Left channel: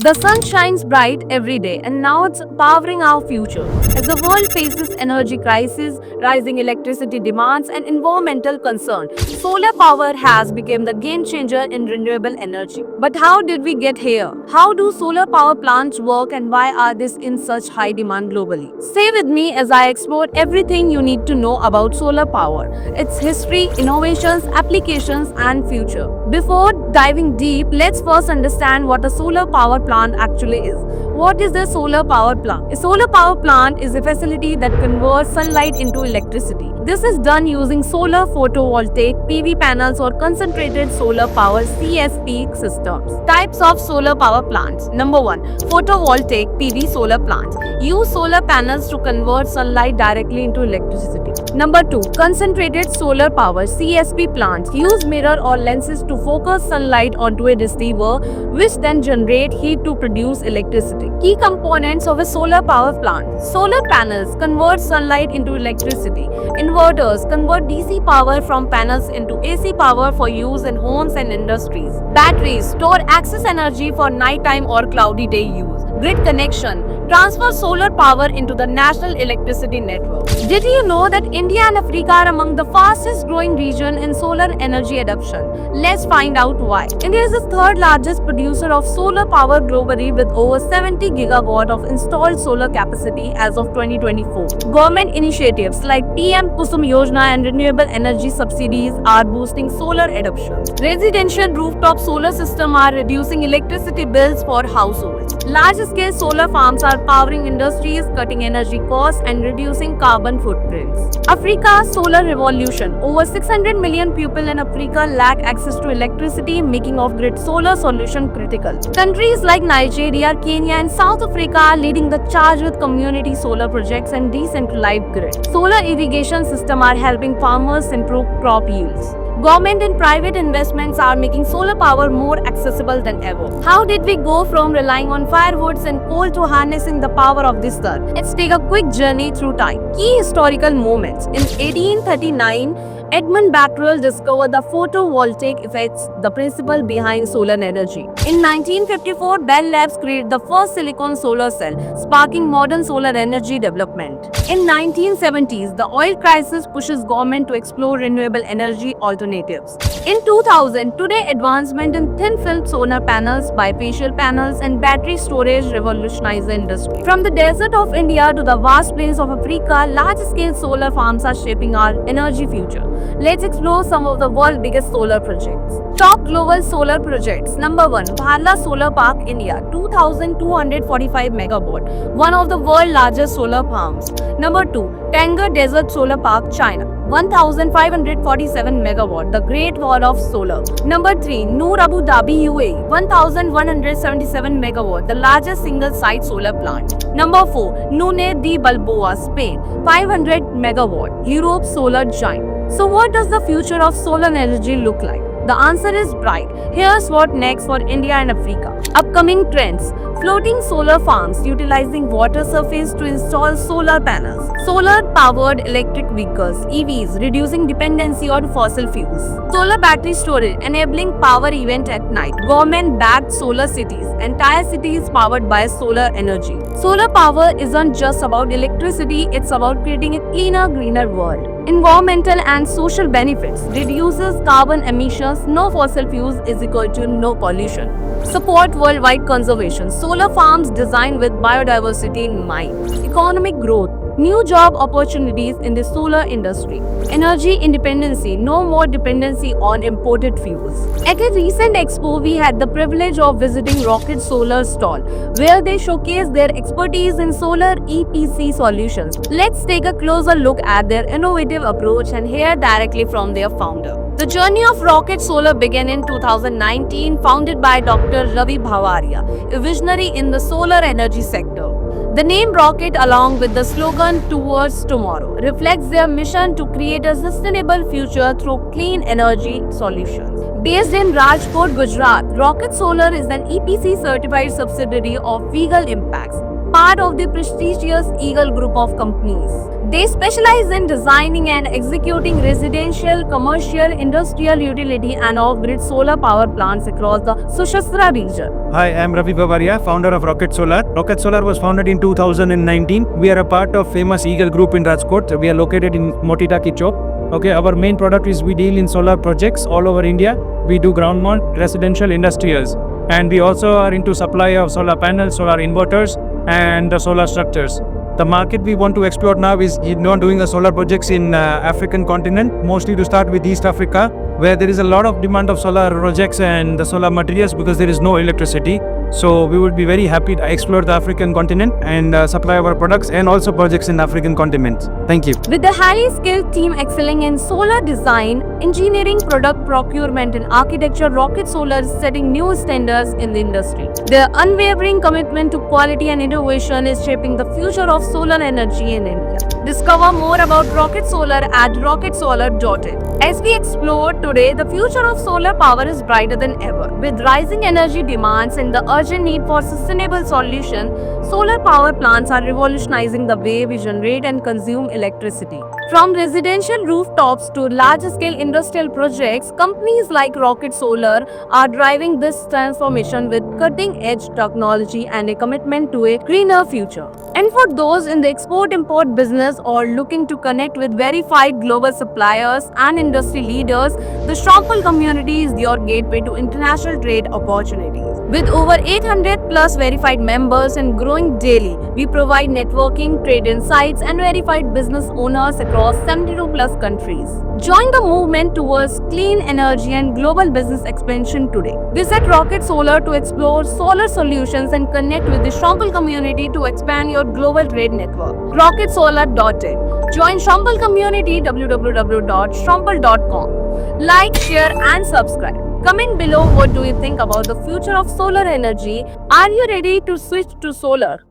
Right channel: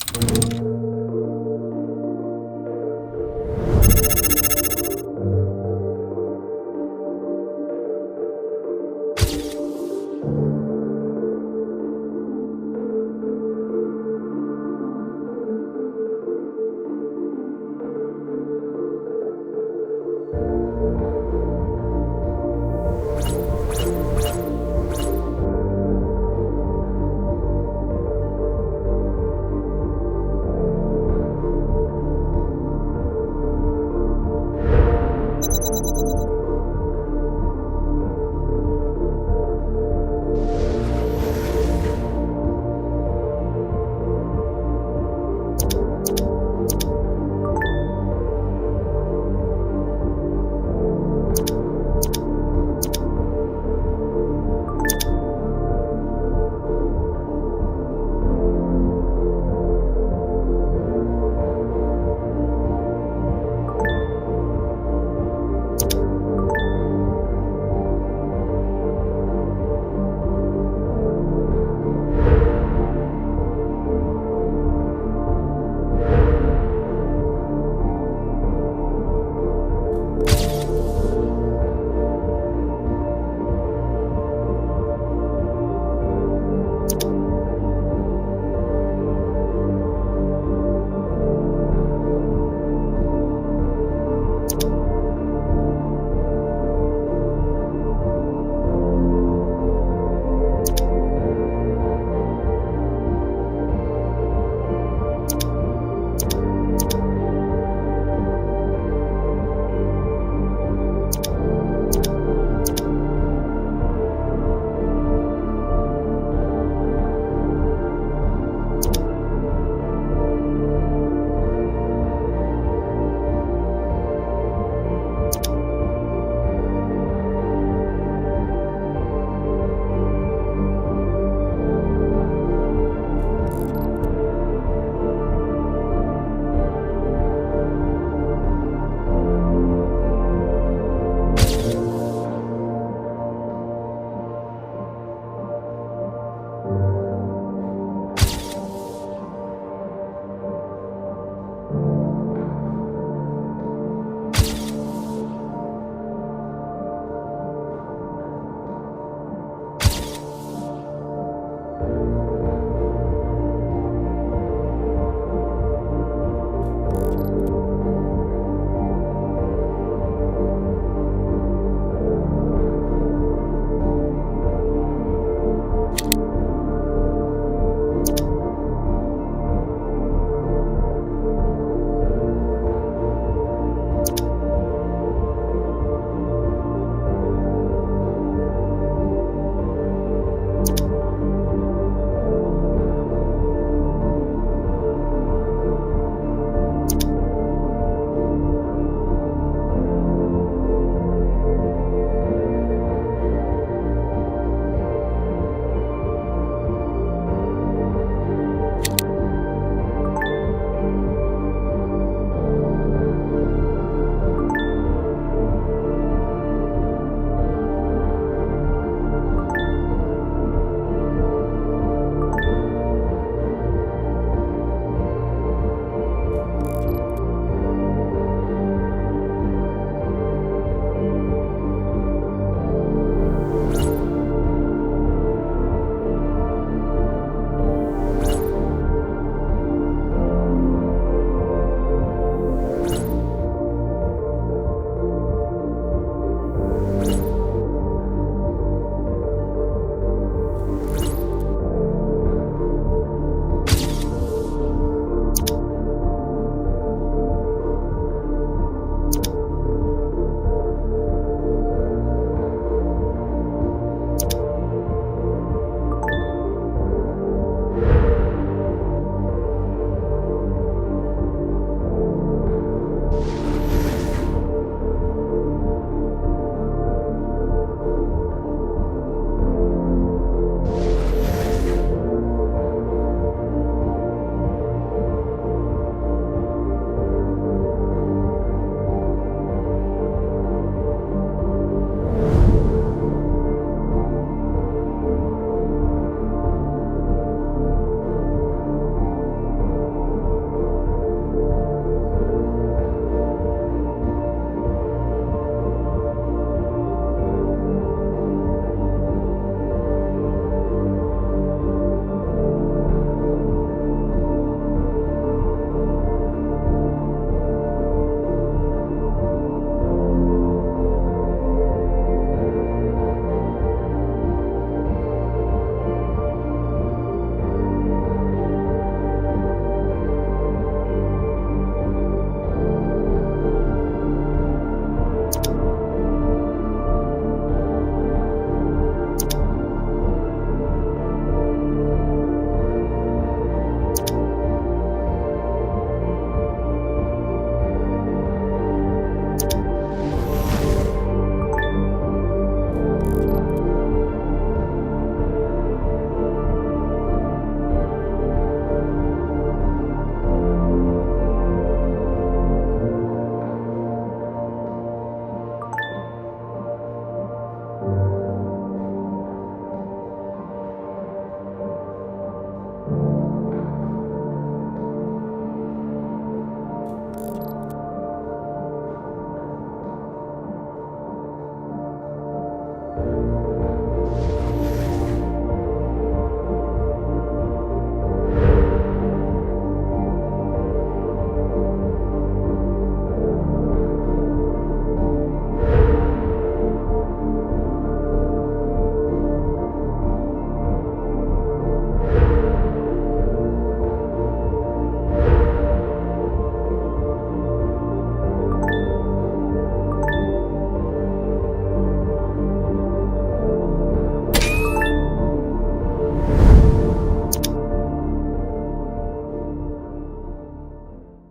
The sun shines bright every day, and now it's powering our future. As the world faces energy crisis, rising electricity demands, and environmental concern, solar power has become the game changer in renewable energy. But how did we get here? How do solar power plants work, and why are they in such high demand globally? Stay with me as I explore everything you need to know about solar power, its history, innovations, applications, and future. Before diving deep, let's first understand what a solar power plant actually is. What is a solar power plant? A solar power plant is a facility that converts sunlight into electricity. This is done using solar photovoltaic PV panels or concentrated solar power CSP systems. Types of solar power plants. Number 1. Photovoltaic PV solar plants. Use solar panels to convert sunlight directly into electricity. Number 2. Concentrated solar power CSP plants. Use mirror or lenses to focus sunlight onto a receiver, which then generate heat to produce electricity. Key components of a solar power plant. Solar panels convert sunlight into electricity. Inverters convert DC power from panels into AC power for use in homes and industries. Batteries store excess energy for nighttime or cloudy day use. Grid connection transfer solar power into the national electricity network. Did you know that India and Africa are among the fastest growing region in solar energy adoption? Let's find out why. India is the third largest producer of solar power globally with over 70 gigawatt of installed solar capacity as of 2024. Government initiatives like PM Kusum Yojana and renewable energy subsidies are boosting solar adoption. Residential rooftop solar systems are reducing electricity bills for households. Large-scale solar farms are powering industries, cutting energy costs and reducing carbon footprints. Africa's solar revolution. Over 600 million people in Africa lack access to electricity, making off-grid solar solution critical. Countries like Nigeria, Kenya and South Africa are leading the charge with community solar projects and decentralized grid. Solar irrigation systems are helping farmers improve crop yields. Government and private investments are making solar power more accessible than ever. How did we go from relying on firewoods and coal to harnessing the power of the sun? Let's take a quick journey through time. Key historical moments. In 1839, Edmund Becquerel discovered the photovoltaic effects, the principle behind solar energy. In 1954, Bell Labs created the first silicon solar cell, sparking modern solar energy development. In 1970s, the oil crisis pushes government to explore renewable energy alternatives. In 2000, today advancement in thin-film solar panels, bifacial panels, and battery storage revolutionize the industry. From the desert of India to the vast plains of Africa, large-scale solar farms are shaping our energy future. Let's explore some of the world's biggest solar projects. Top global solar projects. Number 1. Bharla Solar Park, India, 2,245 megawatt, one of the world's largest solar farms. Number 2. Tanger Desert Solar Park, China, 1,547 megawatt, the Great Wall of Solar. Number 3. Noor Abu Dhabi, UAE, 1,177 megawatt, the largest single-site solar plant. Number 4. Nune de Balboa, Spain, 500 megawatt, Europe's solar giant. So what does the future of solar energy look like? The answer is bright. Here's what next for India and Africa. Upcoming trends. Floating solar farms utilizing water surface to install solar panels. Solar-powered electric vehicles, EVs, reducing dependency on fossil fuels. Solar battery storage, enabling power event at night. Government-backed solar cities, entire cities powered by solar energy. Solar power isn't just about electricity, it's about creating a cleaner, greener world. Environmental and social benefits. Reduces carbon emissions. No fossil fuels is equal to no pollution. Support worldwide conservation. Solar farms designed with biodiversity in mind. Economic growth. New job opportunities in the solar industry. Energy independency. No more dependency on imported fuels. At a recent expo, we had the privilege of visiting Rocket Solar stall, where they showcased their expertise in solar EPC solutions. Let's take a closer look at their innovative approach and hear directly from their founder. The journey of Rocket Solar began in 2019, founded by Dr. Ravi Bhavaria, a visionary in the solar energy sector. The name Rocket, along with the slogan Towards Tomorrow, reflects their mission to create a sustainable future through clean energy solutions. Based in Rajkot, Gujarat, Rocket Solar is an EPC certified subsidiary of Eagle Impacts, part of the prestigious Eagle Group of companies. They specialize in designing and executing residential, commercial, industrial, utility, and off-grid solar power plants across the Sushastra region. Hi, I'm Ravi Bavaria, founder of Rocket Solar. Rocket Solar was founded in 2019. We are a part of famous Eagle Group in Rajkot. We are located in Motitaki Chowk. Okay, our main product is we deal in solar projects all over India. We do ground mount, residential, industrials, and we also are into supply of solar panels, solar inverters, and the solar structures. The market we want to explore now is doing the solar projects in African continent, mostly to start with East Africa, where there is a lot of demand of solar projects and the solar materials because there is no electricity. So we would be very happy to explore the African continent and supply our products and also projects in African continent. Thank you. With the highly skilled team excelling in solar design, engineering, product procurement, and architecture, Rocket Solar is setting new standards in the industry. Their unwavering commitment to quality and innovation is shaping the future of solar energy in India. Discover more about Rocket Solar at rocketsolar.in. As we explore today, the future of solar power is brighter than ever. With rising energy demands and the urgent need for sustainable solutions, solar power plants are revolutionizing the way we generate and consume electricity. From residential rooftops to large-scale industrial projects, companies like Rocket Solar are driving this transformation with cutting-edge technology and a commitment to a greener future. And for those in the export-import business or looking to connect with verified global suppliers and industry leaders, the Shrompal community is your gateway to international trade opportunities. With over 800 plus verified members and growing daily, we provide networking, trade insights, and verified business owners across 72 plus countries. Join the movement towards clean energy and global business expansion today. Visit Rocket Solar to explore solar solutions and connect with the Shrompal community to expand your global trade network. RocketSolar.in. Join Shrompal community www.shrompal.com. Like, share, and subscribe. Comment below what do you think about the future of solar energy. Are you ready to switch to solar?